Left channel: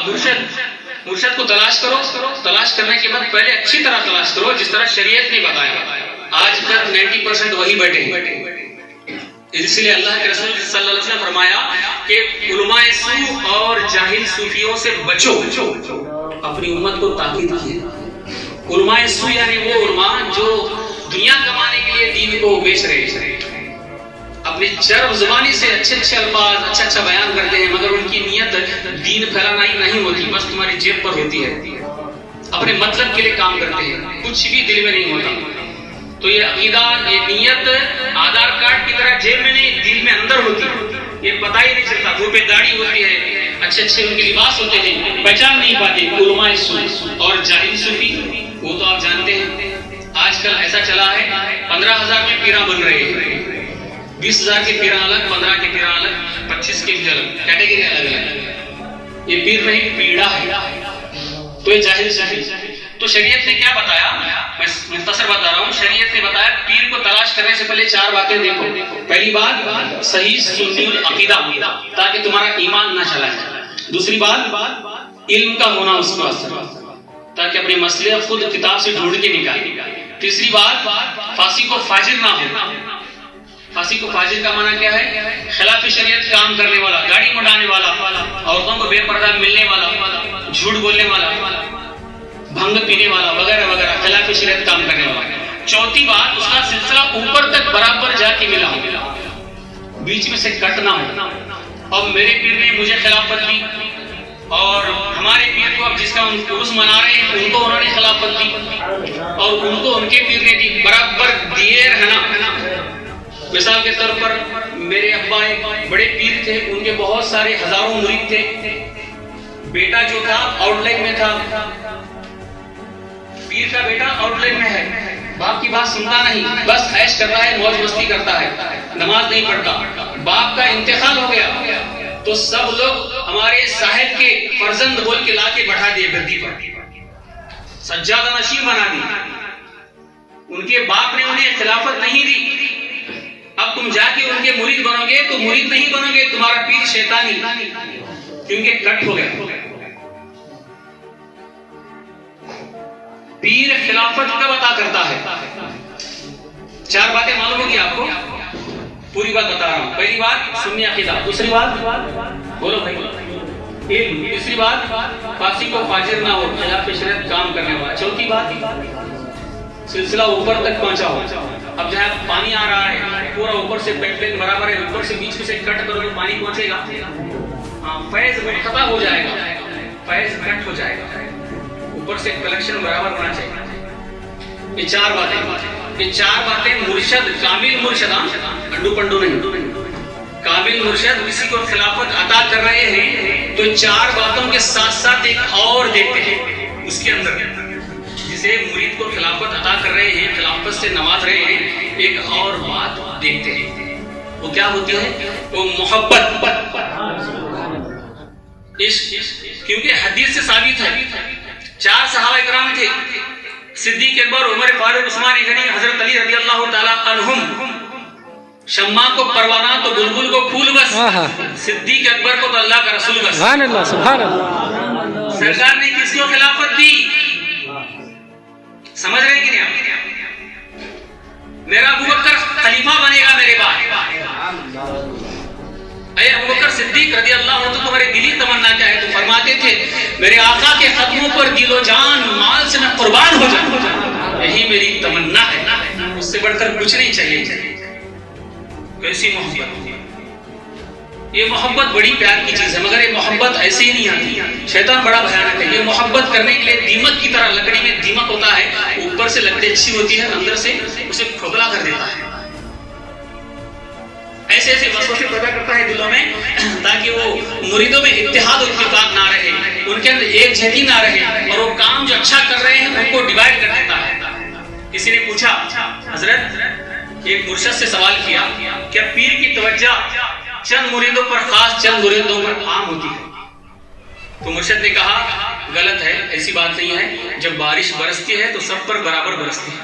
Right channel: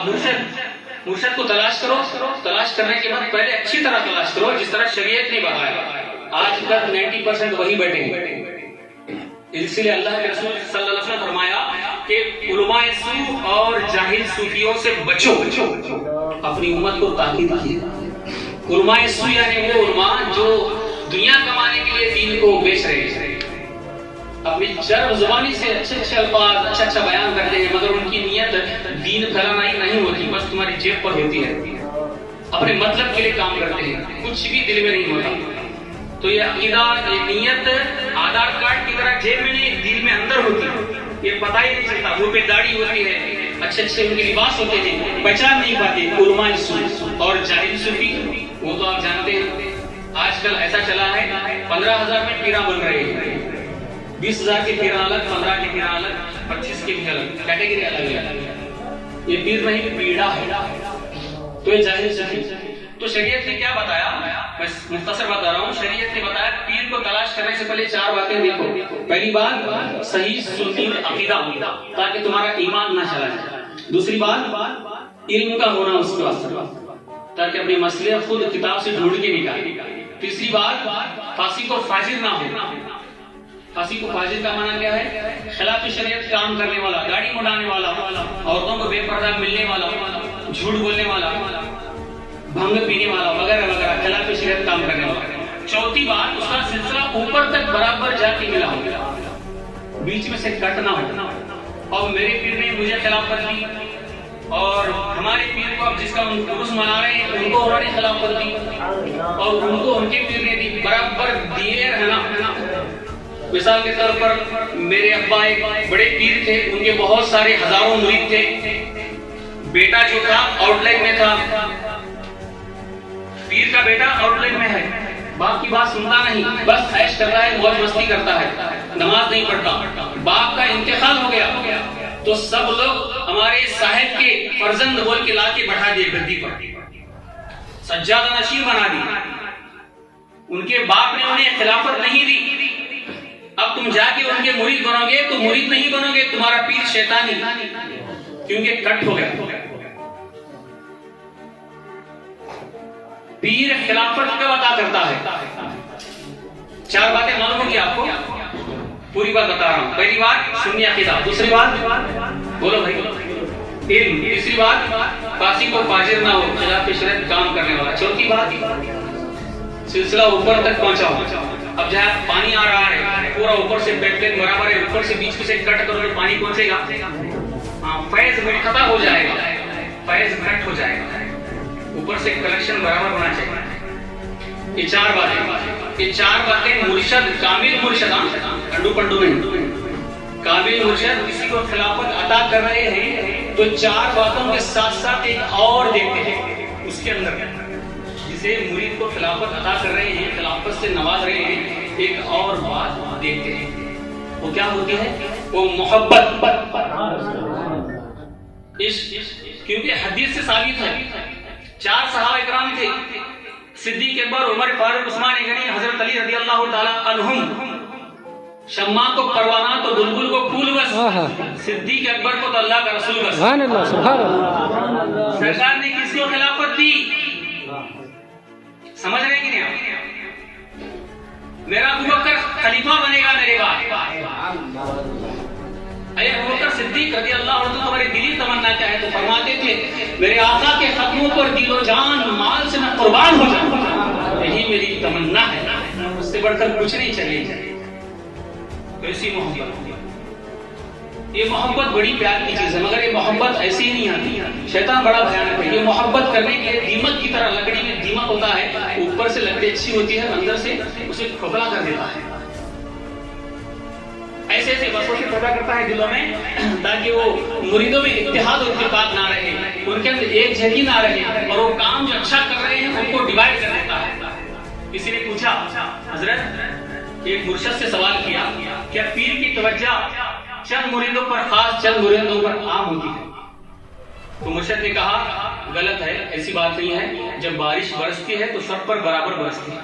اب مرشد کو تلاش کرو. تلاش کرنے کے بعد پہلے اچھی طرح تلاش کرو جس طرح شریعت نے بتایا. آج کل 90% وہی بیٹھے ہیں. اس لیے اللہ کے رسول صلی اللہ علیہ وسلم نے فرمایا کہ علماء سو اور جاہل صوفیوں سے بچو. اپنی امت کو تاکید کی. علماء سو یعنی وہ علماء جو دنیا کمانے کے لیے دین کو بیچ رہے ہیں. اپنی چرب زبانی سے اچھے الفاظ اچھا بیان کرتے ہیں مگر ان کی نیت دین پھیلانا ہی نہیں ہوتی, بس تمہاری جیب پر ہوتی ہے. اپنے مطلب کے لیے کام کرتے ہیں, کچھ بھی دل میں نہیں ہوتا. تو یہ عقیدہ, یہ نیت آدھار کارڈ کی طرح جیب میں نہیں دل میں اندر ہوتی ہے. یہ پتہ ہی نہیں چلتا. منہ پہ داڑھی ہوتی ہے, اچھے ان کے لباس ہوتے ہیں, پہچان نہیں پاتے. علماء سو اور جاہل صوفی وہ تو آپ جانتے ہیں. آج کل ایسا چلا ہے 15,000 میں پیرا بن رہے ہیں. 20,000 کے پیرا الگ, 15 کے پیرا الگ, 25 کے بھی الگ, کیٹیگری الگ ہے. یہ پیر نہیں پیڑا ہے. تو یہ جاہل صوفی. تو شریعت نے کیا بتایا, میں مختصر بتا رہا ہوں. شریعت نے بتایا پیر کو تلاش کرنے سے پہلے 4 باتیں دیکھو. پہلی بات صحیح سنی عقیدہ تاکہ تمہارا ایمان نہ چلا جائے. دوسری بات علم کا ہونا اس کو تاکہ اپنے مسئلے خود کتاب سے ڈھونڈ کے نکالے. تیسری بات فاسق کو فاجر نہ ہو. فاسق کو فاجر کا معنی کیا ہے؟ خلاف شریعت کام کرنے والا, گاڑی مڈانے والا, عورتوں کو بے پردہ ملنے والا, جھوٹ بولنے والا, بھنگ پینے والا وغیرہ وغیرہ, خلاف شریعت کام کرنے والا. چوتھی بات اس کا سلسلہ اوپر تک برابر جا کے ملا ہو, بیچ میں سے کٹ نہ ہو. اب میرے پیر نے مجھے خلافت دی اور ہمارے پیر کو اب جس کا عرس منا رہے ہیں ان کو انہوں نے خلافت دی اور ان کو ان کے پیر نے دی. برابر دیے رہنا. مثال کے طور پر میرے ابا ایک بڑے پیر تھے, ان کے بہت سارے ہزاروں مرید تھے. بیٹا جو تھا آؤٹ لائن میں تھا. پیر کا بیٹا آؤٹ لائن میں ہے, باپ کی بات سنتا نہیں, بس عیش کرتا ہے, موج مستی کرتا ہے, نماز نہیں پڑھتا. باپ کا انتقال ہو گیا تو سب لوگ ہمارے صاحب کے فرزند بول کے لا کے بٹھا دیے گدی پر, سجادہ نشین بنا دی. ان کے باپ نے انہیں خلافت نہیں دی. اب تم جا کے ان کے مرید بنو گے تو مرید نہیں بنو گے, تمہارا پیر شیطانی, کیونکہ کٹ ہو گیا. پیر خلافت کب عطا کرتا ہے؟ 4 باتیں معلوم ہوگی آپ کو, پوری بات بتا رہا ہوں. پہلی بات سنی عقیدہ. دوسری بات بولو بھائی علم. تیسری بات فاسق و فاجر نہ ہو, خلاف شریعت کام کرنے والا. چوتھی بات سلسلہ اوپر تک پہنچا ہو. اب جہاں پانی آ رہا ہے پورا اوپر سے پیپ لائن برابر ہے, اوپر سے بیچ سے کٹ کرو گے پانی پہنچے گا. فیض منقطع ہو جائے گا, فیض کٹ ہو جائے گا. اوپر سے کلیکشن برابر ہونا چاہیے. یہ 4 باتیں, یہ 4 باتیں مرشد, کامل مرشد, انڈو پنڈو نہیں, کامل مرشد کسی کو خلافت عطا کر رہے ہیں تو 4 باتوں کے ساتھ ساتھ ایک اور دیتے ہیں اس کے اندر. جسے مرید کو خلافت عطا کر رہے ہیں, خلافت سے نواز رہے ہیں, ایک اور بات دیکھتے ہیں. وہ کیا ہوتی ہے؟ وہ محبت, کیونکہ حدیث سے ثابت ہے. 4 صحابہ اکرام تھے, صدیق اکبر, عمر فاروق, عثمان غنی, حضرت علی رضی اللہ تعالی عنہم. شمع کو پروانہ تو بلبل کو پھول بس, صدیق اکبر کو تو اللہ کا رسول بس. سبحان اللہ, سبحان اللہ. سرکار نے کس کو خلافت دی؟ سمجھ رہے کہ نہیں آپ؟ میرا ابوبکر خلیفہ بنے گا میرے بعد. اے ابوبکر صدیق رضی اللہ عنہ, تو تمہاری دلی تمنا کیا ہے؟ تو فرماتے تھے میرے آقا کے قدموں پر دل و جان مال سے میں قربان ہو جاؤں, یہی میری تمنا ہے, اس سے بڑھ کر کچھ نہیں چاہیے. کیسی محبت, یہ محبت بڑی پیار کی چیز ہے, مگر یہ محبت ایسے ہی نہیں آتی. شیطان بڑا بھیانک ہے. یہ محبت کرنے کے لیے دیمک کی طرح, لکڑی میں دیمک ہوتا ہے, اوپر سے لکڑی اچھی ہوتی ہے, اندر سے اسے کھوکھلا کر دیتا ہے. ایسے ایسے وسوسے پیدا کرتا ہے دلوں میں تاکہ وہ مریدوں میں اتحاد و اتفاق نہ رہے, ان کے اندر ایک جہتی نہ رہے, اور وہ کام جو اچھا کر رہے ہیں ان کو ڈیوائیڈ کر دیتا ہے. کسی نے پوچھا حضرت, ایک مرشد سے سوال کیا, کیا پیر کی توجہ چند مریدوں پر خاص, چند مریدوں پر عام ہوتی ہے؟ تو مرشد نے کہا غلط ہے, ایسی بات نہیں ہے. جب بارش برستی ہے تو سب پر برابر برستی ہے.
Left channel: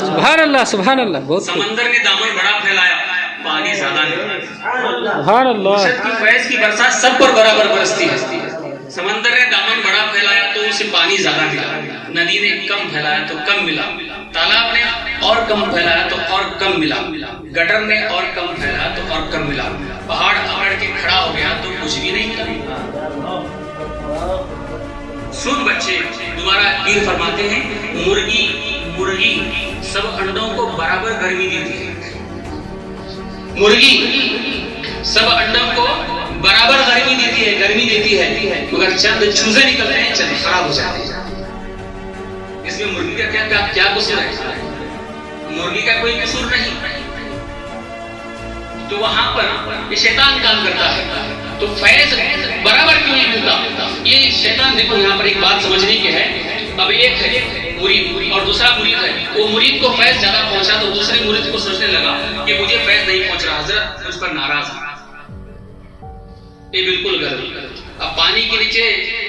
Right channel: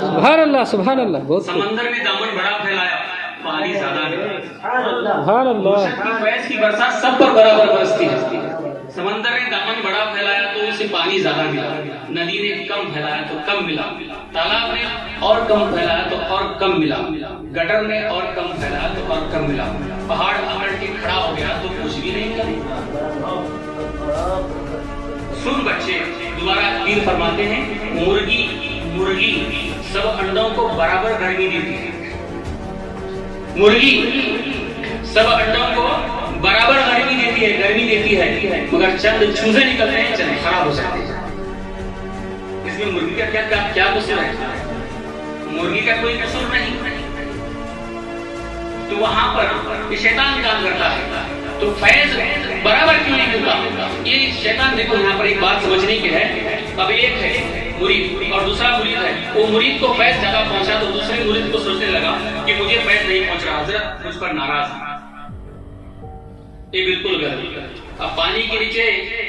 سبحان اللہ, سبحان اللہ. سمندر نے دامن بڑا پھیلایا, پانی زیادہ نہیں. سبحان اللہ. مرشد کی فیض کی برسات سب پر برابر برستی ہے. समंदर ने दामन बड़ा फैलाया तो उसे पानी ज्यादा मिला, नदी ने कम फैलाया तो कम मिला, तालाब ने और कम फैलाया तो और कम मिला, गटर ने और कम फैलाया तो और कम मिला, पहाड़ अकड़ के खड़ा हो गया तो कुछ भी नहीं मिला। सुन बच्चे, दोबारा पीर फरमाते हैं, मुर्गी सब अंडों को बराबर गर्मी देती है। मुर्गी सब अंडों को बराबर गर्मी देती है, मगर चंद चूजे निकलते हैं, चंद खराब हो जाते हैं। इसमें मुर्गी का क्या कसूर है? मुर्गी का कोई कसूर नहीं। तो वहां पर ये शैतान काम करता है। तो फैज बराबर क्यों नहीं मिलता? ये शैतान, देखो यहाँ पर एक बात समझने की है। अब एक है मुरीद और दूसरा मुरीद है। वो मुरीद को फैज ज्यादा पहुंचा तो दूसरे मुरीद को सोचने लगा कि मुझे फैज नहीं पहुंच रहा, हजरत मुझ पर नाराज है। ये बिल्कुल गलत। अब पानी के नीचे,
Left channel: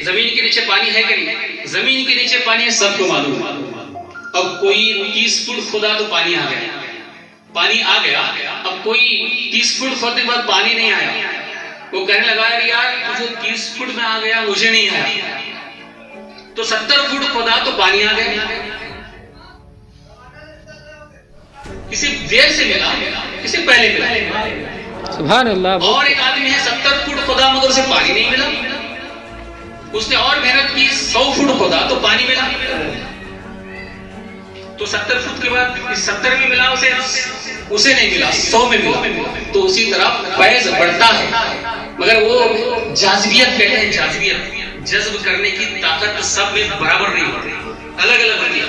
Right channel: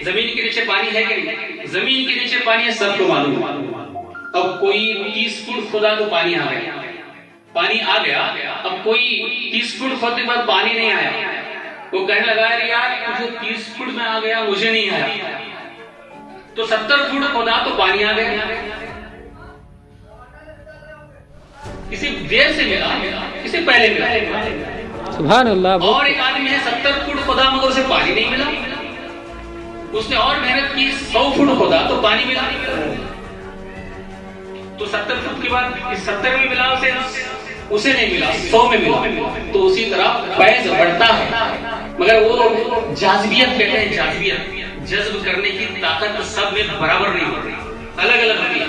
जमीन के नीचे पानी है कि नहीं? जमीन के नीचे पानी है, सबको मालूम। अब कोई 30 फुट खोदा तो पानी आ गया। अब कोई 30 फुट खोदने के बाद पानी नहीं आया, वो कहने लगा यार तुझे 30 फुट में आ गया, मुझे नहीं आया। तो 70 फुट खोदा तो पानी आ गया। किसी देर से मिला, किसी पहले मिला। सुभान अल्लाह। और एक आदमी है 70 फुट खोदा मगर उसे पानी नहीं मिला। उसने और मेहनत की, 100 फुट खोदा तो पानी मिला। तो 70 फुट के बाद 70 में मिला, उसे नहीं मिला, 100 में मिला। तो उसी तरह फैज बढ़ता है, मगर वो जाज़बियत कहते हैं, जाज़बियत, जज्ब करने की ताकत सब में बराबर नहीं होती, अलग अलग होती है।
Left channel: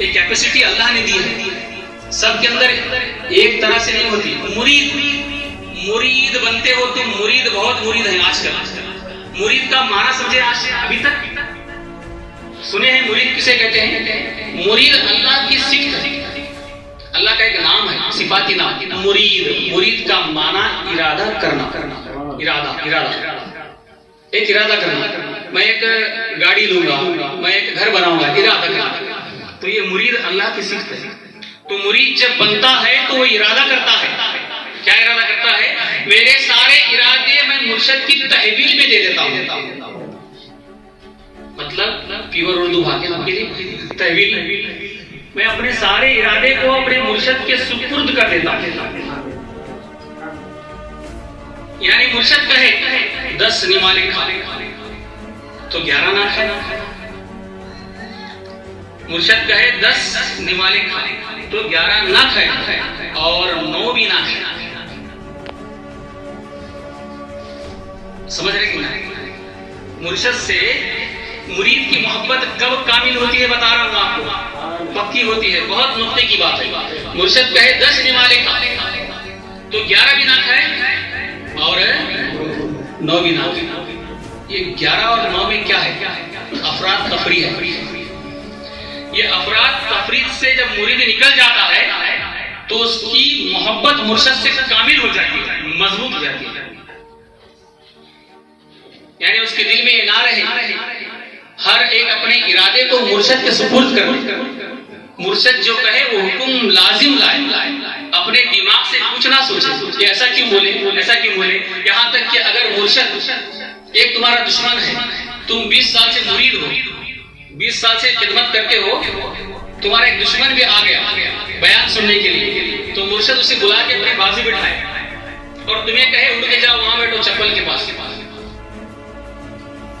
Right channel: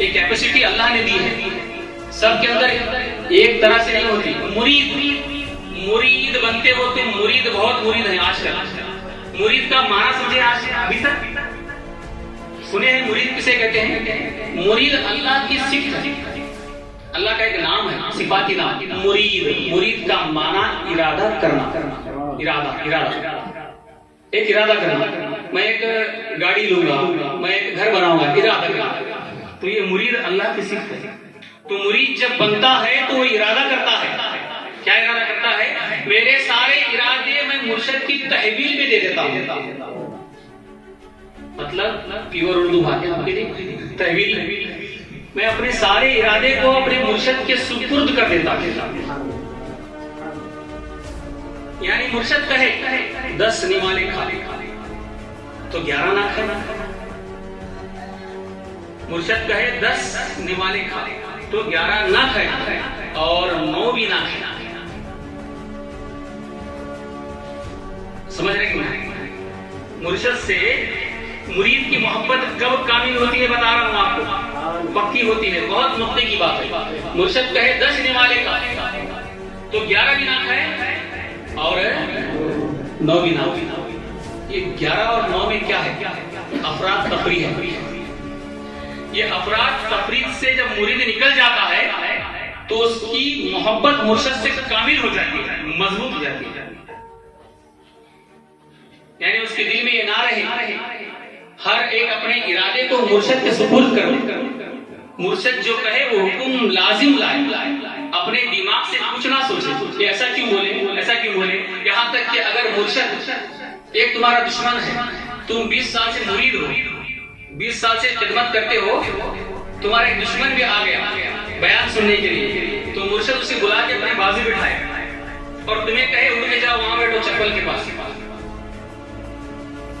एक कैपेसिटी अल्लाह ने दी है, सब के अंदर एक तरह से नहीं होती। मुरीद बनते हो तुम, मुरीद बहुत मुरीद हैं आजकल। मुरीद का माना समझे आज अभी तक सुने हैं? मुरीद किसे कहते हैं? मुरीद अल्लाह की सिफ्त है, अल्लाह का एक नाम है, सिफाती नाम मुरीद का माना इरादा करना। एक इरादा करना, मैं एक गाड़ी लूंगा, मैं एक घर बनाऊंगा, इरादा करना। तो ये मुरीद अल्लाह की सिफ्त है। तो मुरीद जब बनता है तो वो इरादा करता है। क्या इरादा करता है? मेरे सारे इरादे मैं मुर्शिद की तहवील में दे देता हूं। मतलब प्योर उर्दू भाषा आपके लिए तहवील, मैं अपने सारे इरादे को अपने मुर्शिद के सुपुर्द कर देता हूं। यानी मुर्शिद कहे 10 निमाले खा तो 11 ना खाए। मुर्शिद कहे 10 निमाले खा तो 11 ना खाए और 9 भी ना खाए। समझ रहे कि मुर्शिद से मुरीद की मोहब्बत कब कामिल होती है बता रहा हूं आपको, पक्की होती है। बहुत नुक्ते की बात है। मुर्शिद कहे 10 निमाले खा तो 11 भी ना खाए और 9 भी ना खाए। ये 11 और 9 में क्या है? अफराद तफरी है। ये अफराद तफरीद से जब मुरीद निकल जाता है तो उसकी मोहब्बत मुर्शिद से कामिल हो जाती है, मजबूत हो जाती है। यानी उसके दिल में ये ना रहे हर एक अपने इरादे को मुर्शिद के सुपुर्द कर। मुर्शिद जो कहे वो हुक्म लाजिम लाए, अपने दिमाग से कुछ ना सोचे ऐसा क्यों बोले, ऐसा क्यों बोले। यहाँ तक कि अगर मुर्शिद एक तुम्हारा दुश्मन है, तुम 20 साल से मुरीद हो, 20 साल से खिदमत करते हो, तुम्हारा एक दुश्मन भी आ गया बयान सुनने के लिए, तो मुर्शिद उसे बुला के अपनी बाजू बिठाए और तुम्हें कहे उठ के जाओ वहां बैठो चप्पल के पास।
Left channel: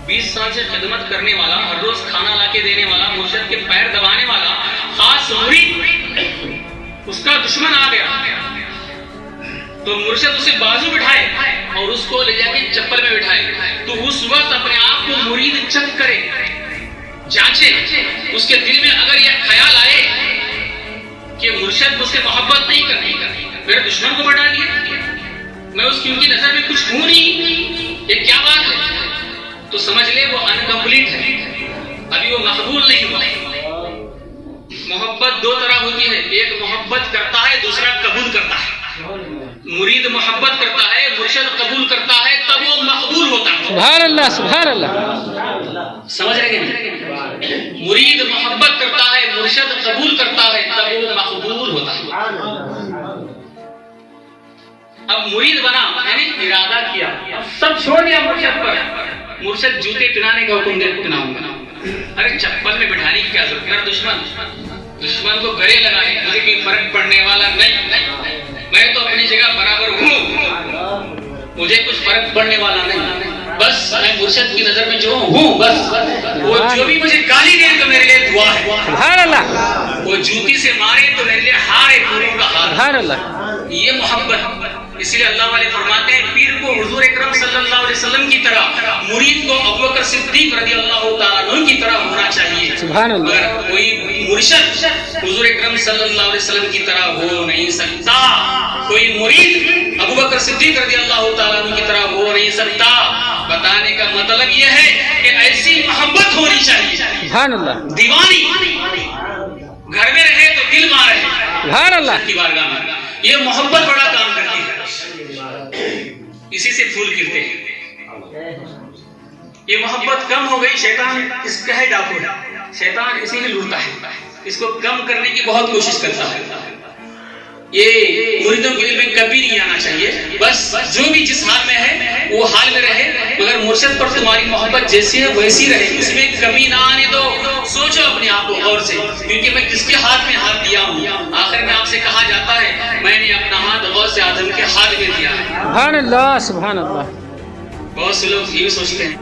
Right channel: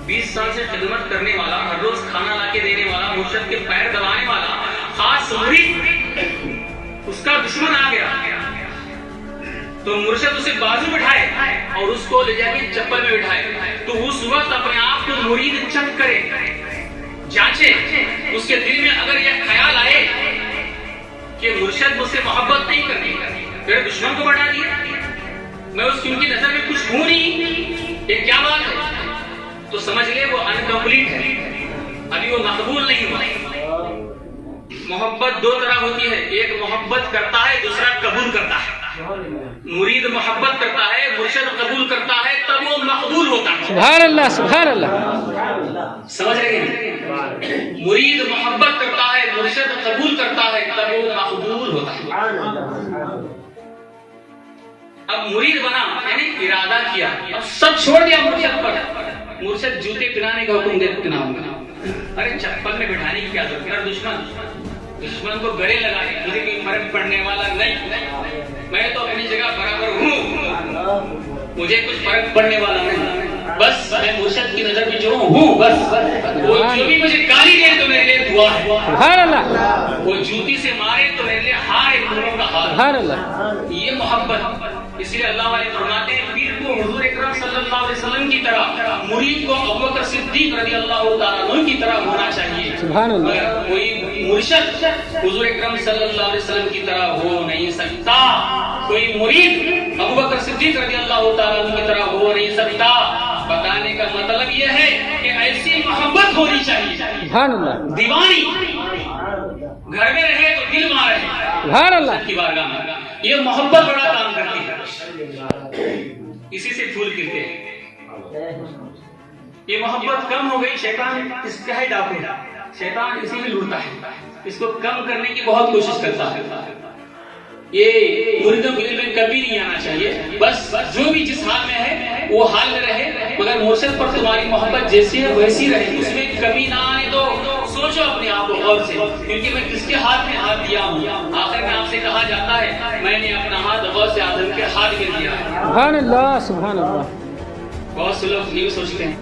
20 साल से खिदमत करने वाला, हर रोज खाना लाके देने वाला, मुर्शिद के पैर दबाने वाला खास मुरीद, उसका दुश्मन आ गया तो मुर्शिद उसे बाजू बिठाए और उसको ले जाके चप्पल में बिठाए। तो उस वक्त अपने आप को मुरीद चेक करे, जांचे, उसके दिल में अगर यह ख्याल आए कि मुर्शिद मुझसे मोहब्बत नहीं करती, मेरे दुश्मन को बढ़ा दिया, मैं उसकी उनकी नजर में कुछ हूं नहीं, ये क्या बात है, तो समझ ले वो अनकम्प्लीट है, अभी वो मकबूल नहीं हुआ। मोहब्बत 2 तरह होती है, एक मोहब्बत करता है, दूसरा कबूल करता है। मुरीद मोहब्बत करता है, मुर्शिद कबूल करता है, तब वो मकबूल होता है। सुभान अल्लाह, सुभान अल्लाह। समझ रहे हैं? मुरीद मोहब्बत करता है, मुर्शिद कबूल करता है, तब वो मकबूल होता है। अब मुरीद बना यानी इरादा किया, अब सब छोड़ दिया मुर्शिद पर, मुर्शद जूते पहनाने का हुक्म दे पहनाऊंगा, अरे चप्पल में बिठाने की क्या जरूरत है? दुश्मन को गले लगाए, मुझे कोई फर्क पड़ने वाला नहीं, मैं तो अपनी जगह बराबर हूँ, मुझे कुछ फर्क पड़ने वाला नहीं, बस मैं मुर्शद की नजर में जो हूँ बस। वो जो भी मुझे गाली दे तो मेरे लिए दुआ है, सुभान अल्लाह, वो जूती से मारे तो मेरे लिए हार है, नूरों का हार। सुभान अल्लाह। ये मोहब्बत, इसलिए अल्लाह वाले फरमाते हैं पीर को हुजूर अकरम सल्लल्लाहु अलैहि वसल्लम की तरह, मुरीद को अबू बकर सिद्दीक रज़ियल्लाहु ताला अन्हु की तरह होना चाहिए। सुभान अल्लाह। अगर कोई मुर्शिद हुजूर अकरम सल्लल्लाहु अलैहि वसल्लम की तरह हो नहीं सकता, कोई मुरीद अबू बकर सिद्दीक रज़ियल्लाहु ताला अन्हु की तरह हो नहीं सकता, बताने का मतलब यह है कि ऐसी मोहब्बत होनी चाहिए। सुभान अल्लाह। दीवानी घर में रहे तो दिल वहां रहे, सुभान अल्लाह की बारगाह में। ये मोहब्बत बड़ा काम करती है, इसी से फूल खिलते हैं। ये मोहब्बत कम हो गई, शैतान इसका है डाकू है, शैतान इसी में लूटता है, इसको कम करने की बहुत कोशिश करता है। ये मुरीदों के दिल में कभी नहीं आना चाहिए, बस जो भी जिस हाल में है वो हाल में रहे, मगर मुर्शिद पर तुम्हारी मोहब्बत जैसी है वैसी रहे, उसमें कमी ना आने दो। सोचो अपने आप को गौर से, क्योंकि मैं किसके हाथ में हाथ दिया हूँ? आखिर में आपसे कहा जाता है मैंने अपना हाथ गौस से आदम के हाथ में दिया है। सुभान अल्लाह, सुभान अल्लाह। बहुत से लोग ये सोचते हैं